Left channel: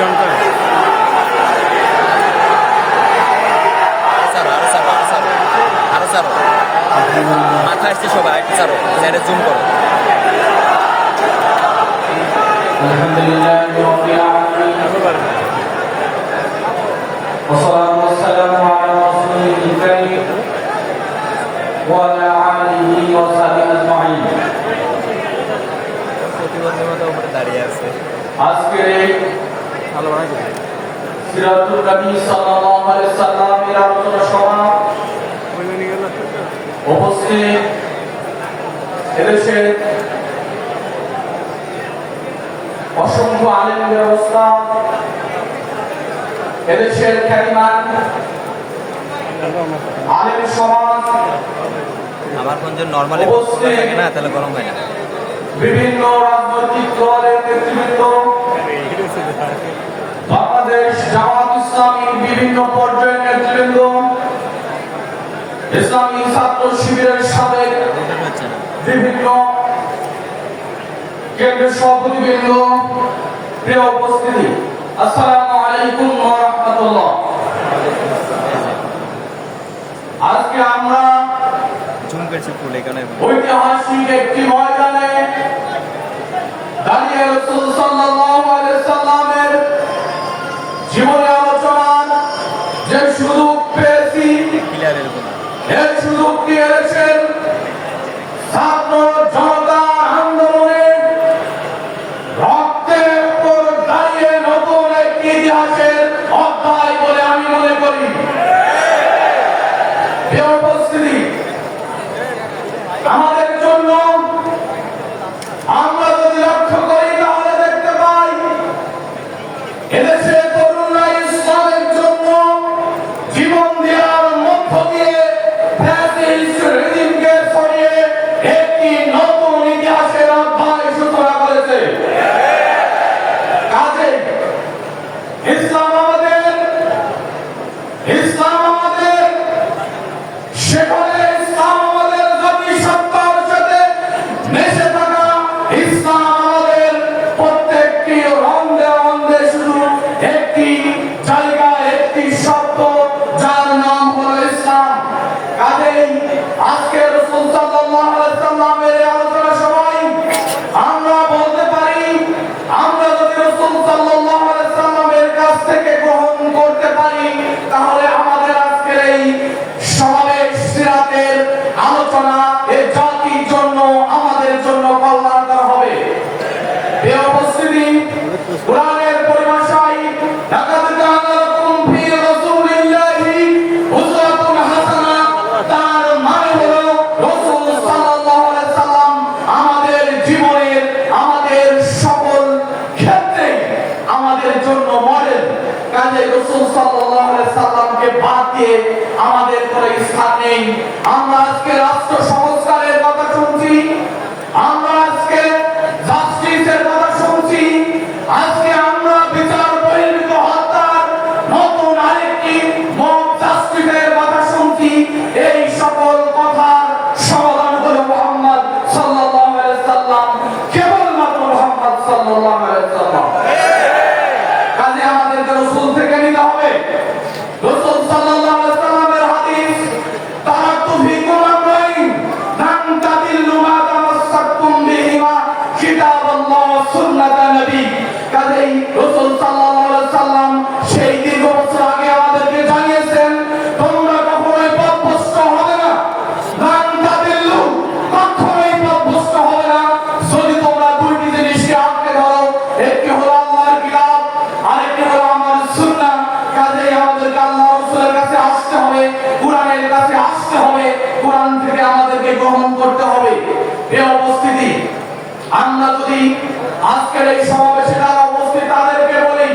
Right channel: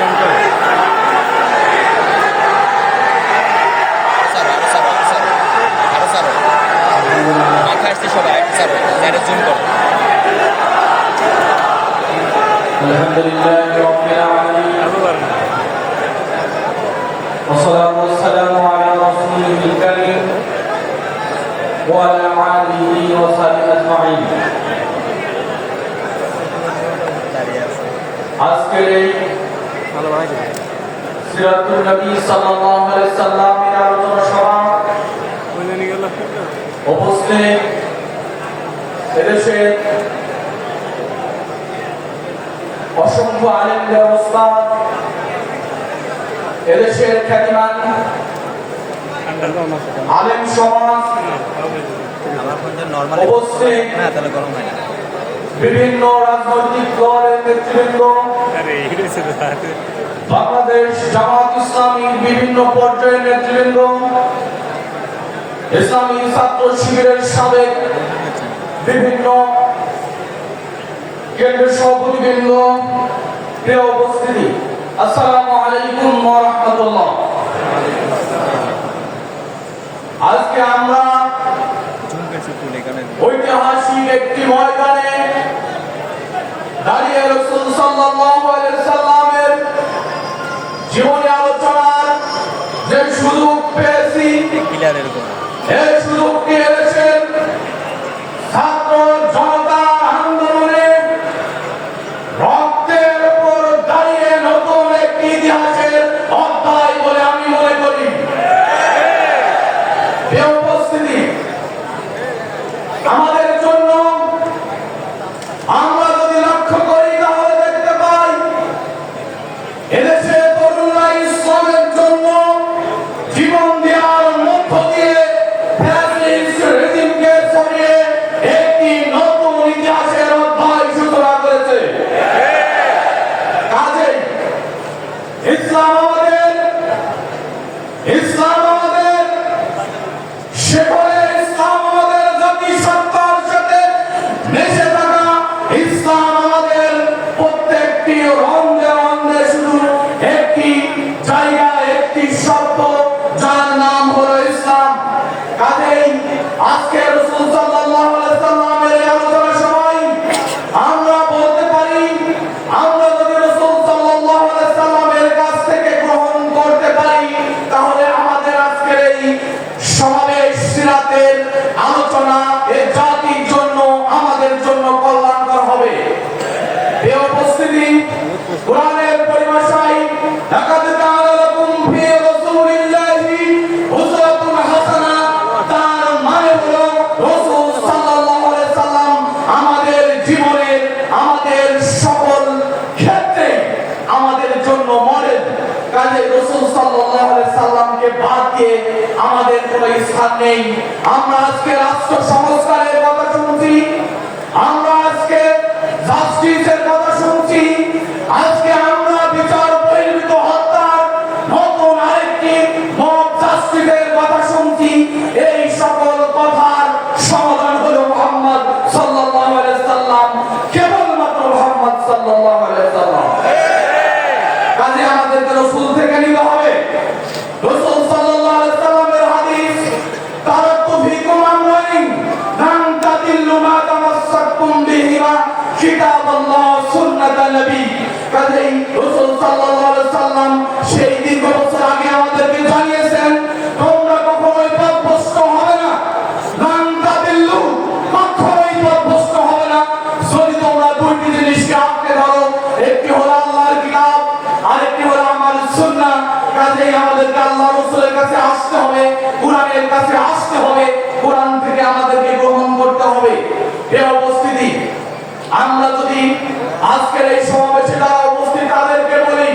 আলহামদুলিল্লাহ والصلاة والسلام على رسوله الكريم وعلى آله وصحبه أجمعين আজকে সিরাতুন নবী সাল্লাল্লাহু আলাইহি সাল্লামের আলোচনা সভা উপস্থিত এদেশে অসংখ্য আলেম ব্যবস্থা এদেশের খ্যাতিমান আলেম সমাজ উপস্থিত বিভিন্ন রাজনৈতিক দলের নেতৃবৃন্দ বাংলাদেশ জামাত ইসলামীর বিভিন্ন পর্যায়ের নেতৃবৃন্দ ইসলামী ছাত্র শিবিরের সাবেক বিভিন্ন কেন্দ্রের সভাপতিবৃন্দ, প্রিয় উপস্থিতি, আসসালামু আলাইকুম ওয়া রাহমাতুল্লাহ। আজকে আমরা ঐতিহাসিক একটি ময়দানে দাঁড়িয়ে রাসূল সাল্লাল্লাহু আলাইহি সাল্লামের জীবনে আলোচনার যে সুযোগ পেয়েছি, এই সুযোগ পেয়েছেন ছাত্র জনতা আন্দোলনে রক্তের উপর দাঁড়িয়ে নতুন একটি ইতিহাসের অধ্যায় বলে আমি মনে করি। প্রিয় উপস্থিতি, আমাদের জন্য আমরা যদি লক্ষ্য করি তাহলে দেখতে পাই এদেশে তরুণরা ইসলামের জন্য জীবন দেওয়ার মধ্য দিয়ে ফ্যাসিস্ট রেজিমকে সরিয়ে একটি নতুন ইতিহাসের অধ্যায় সূচনা করেছে। কাজেই ইসলাম আমাদের সেখানে ইসলাম আমাদের জাতিসত্তার সাথে মিশে থাকা, ইসলাম আমাদের প্রত্যেকটি রন্ধে রন্ধে শুধু একটি জায়গা, একটি শব্দ, যার নাম হলো ইসলাম। কাজেই আজকে রাসূল সাল্লাল্লাহু আলাইহি সাল্লামের এই আলোচনা সভায় আমরা বলতে পারি, আমরা যদি রাসূল সাল্লাল্লাহু আলাইহি সাল্লামের কাছ থেকে গ্রহণ করতে পারি তাহলে আমাদের আজকের এই সমাবেশ সিরাতের আলোচনা এই জাতির জন্য, আমাদের জন্য কল্যাণকর হবে। এই উপস্থিতি কোরআনের পরিভাষায় লাকাদ কানা লাকুম ফি রাসূলিল্লাহি উসওয়াতুন হাসানা, তার মানে হলো রাসূল সাল্লাল্লাহু আলাইহি সাল্লাম আমাদের জীবনের, আমাদের সকল ক্ষেত্রে আমাদের জন্য মডেল। কাজে রাসূল সাল্লাল্লাহু আলাইহি সাল্লামকে বাদ দিয়ে আমাদের কোনো স্থান নেই। আমরা আজকে রাষ্ট্র সংস্কারের কথা শুনছি, আমরা আজকে জাস্টিসের কথা শুনছি, আজকে আমরা বিচার বহির্ভূত হত্যার নতুন আরেকটি মব জাস্টিসের কথা শুনছি। এই সকল কথার সমাধান হলো মুহাম্মদ সাল্লাল্লাহু আলাইহি সাল্লাম, কেবলমাত্র মুহাম্মদ সাল্লাল্লাহু আলাইহি সাল্লাম। কাজে আমাদেরকে রাসূল থেকে নিতে হবে। রাসূল সাল্লাল্লাহু আলাইহি সাল্লামের হাদিস, তারাকতু ফীকুম আমরাইন লান তাদিল্লু মা তামাসসাকতুম বিহিমা কিতাবাল্লাহ সুন্নাতান নবী। কাজেই রাসূল সাল্লাল্লাহু আলাইহি সাল্লাম সেই দীর্ঘ বছর আগে আমাদেরকে জানিয়েছেন, তোমরা কখনোই পথভ্রষ্ট হবে না, লান তাদিল্লু, কখনোই পথভ্রষ্ট হবে না যদি তোমরা দুটি জিনিসকে আঁকড়ে ধরো, একটি হলো আল্লাহর কিতাব, আরেকটি হলো আমার সুন্নাহ। কাজেই আমাদেরকে আল্লাহ রাসূলের কাছে আসতে হবে, কোরআনের কাছে আসতে হবে, কোরআন থেকে আমাদেরকে গ্রহণ করতে হবে। এই উপস্থিতি, আমরা যদি আজকের এই সমাবেশে যারা উপস্থিত তাদেরকে বলি,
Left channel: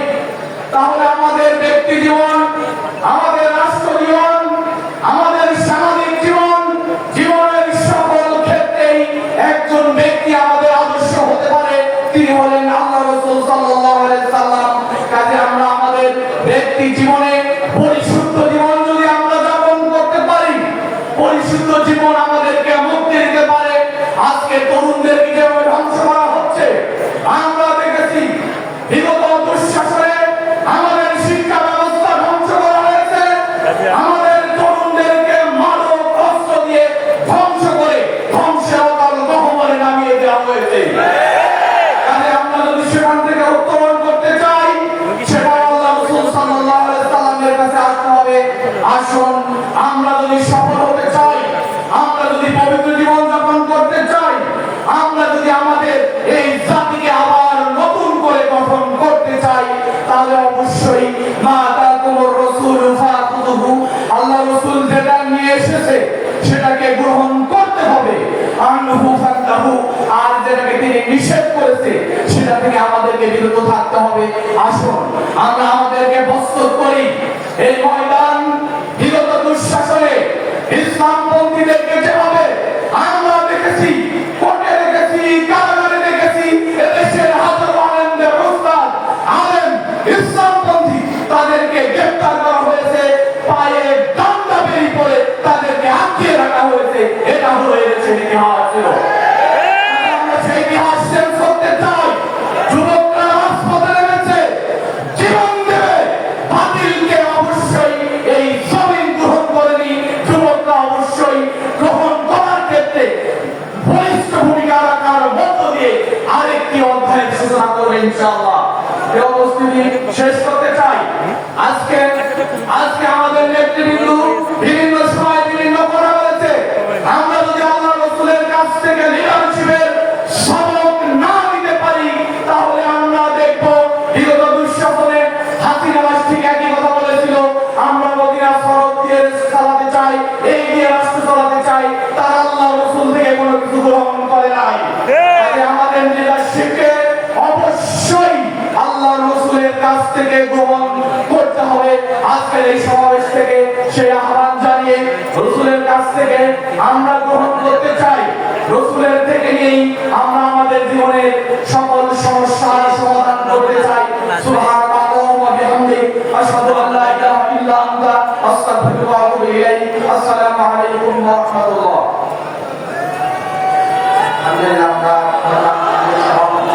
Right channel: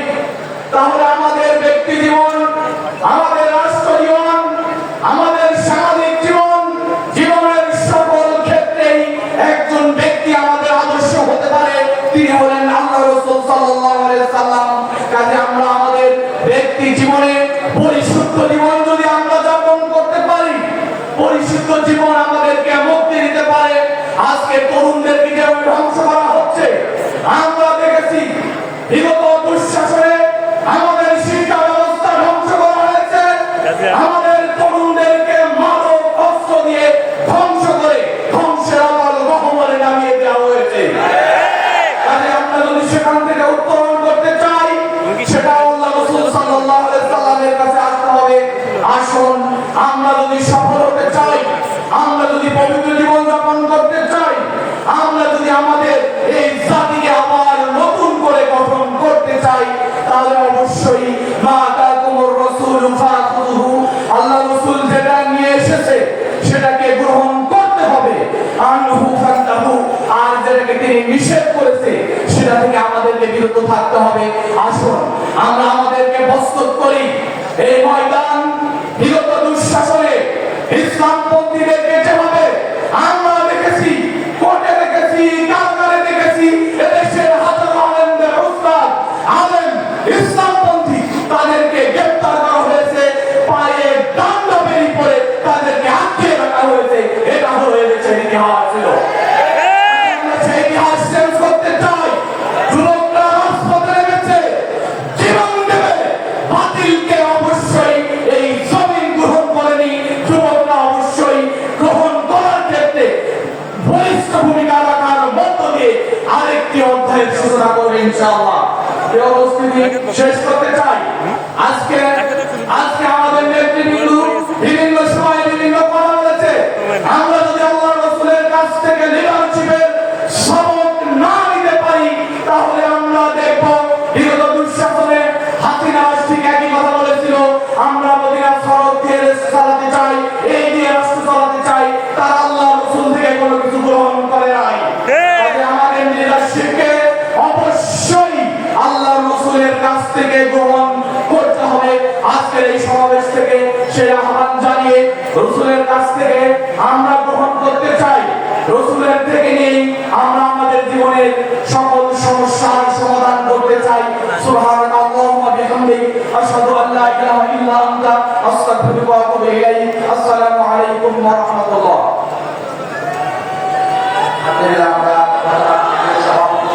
তাহলে আমাদের ব্যক্তি জীবন, আমাদের রাষ্ট্র জীবন, আমাদের সামাজিক জীবন, জীবনের সকল ক্ষেত্রেই একজন ব্যক্তি আমাদের আদর্শ হতে পারে, তিনি হলেন আল্লাহ রাসূল সাল্লাল্লাহু আলাইহি সাল্লাম। কাজে আমরা আমাদের ব্যক্তি জীবনে পরিশুদ্ধ জীবন যদি আমরা যাপন করতে পারি, পরিশুদ্ধ জীবন আমাদেরকে মুক্তি দিতে পারে। আজকে তরুণদেরকে হবে। আসুন আমরা আমাদেরকে প্রস্তুত করি। এই ময়দান বিগত দুঃশাসনে ইসলামপন্থীদেরকে যেভাবে আমরা দেখেছি, কোর্টে দেখেছি, কারাগারে দেখেছি, এদেশের হাজারো আলেমদের উস্তাদ আলেম ইসলামপন্থী তাদেরকে গ্রেফতার করা হয়েছে, পায়ে ডান্ডা বেরি পরে তাদেরকে আটকে রাখা হয়েছে। এটা হয়ে গেছে ইতিহাস। আমরা সেই ইতিহাস চেঞ্জ করতে চাই। যুবকরা রাজপথে নেমেছে, জীবন দেবে। বাতিলকে অবশ্যই এই জমিন গ্রহণ করেনি। যুবকরা অবশ্যই গ্রহণ করার ক্ষেত্রে বলিষ্ঠ ভূমিকা রাখার মধ্য দিয়ে আরেকটি অধ্যায়ের সূচনা করবে ইনশাআল্লাহ। এই উপস্থিতি শেষ করতে চাই। আজকে আমাদের নেতৃবৃন্দ বিভিন্ন সময় বিভিন্ন কথা বলেছে। আমরা যদি আল্লাহ রাসূলের কাছ থেকে লিডারশিপের সবক না নিতে পারি, তাহলে আমরা দেখব বিগত দুঃশাসনে হাসিনা ঠিক একই কথা বলেছিল, আমরা মদিনা শরৎ দিয়ে চালাতে চাই, এই দিয়ে রাষ্ট্র চালাতে চাই। তারা আল্লাহ রাসূল থেকে কোনো কিছু গ্রহণ করে নাই। তাই আমাদের লিডারশিপকে অবশ্যই আল্লাহ রাসূলের কাছ থেকে গ্রহণ করতে হবে। আজকের এই সমাবেশ থেকে সেই আহ্বান জানিয়ে রাসূলের কাছ থেকে আমরা গ্রহণ করতে চাই। রাসূলের থেকে নিয়েই আমরা আমাদের জীবনের সকল সমস্যার সমাধান করতে চাই। সুবহানাল্লাহি ওয়া বিহামদিহি আশহাদু আল্লা ইলাহা ইল্লা আনতা আস্তাগফিরুকা ওয়া আতুবু ইলাইক।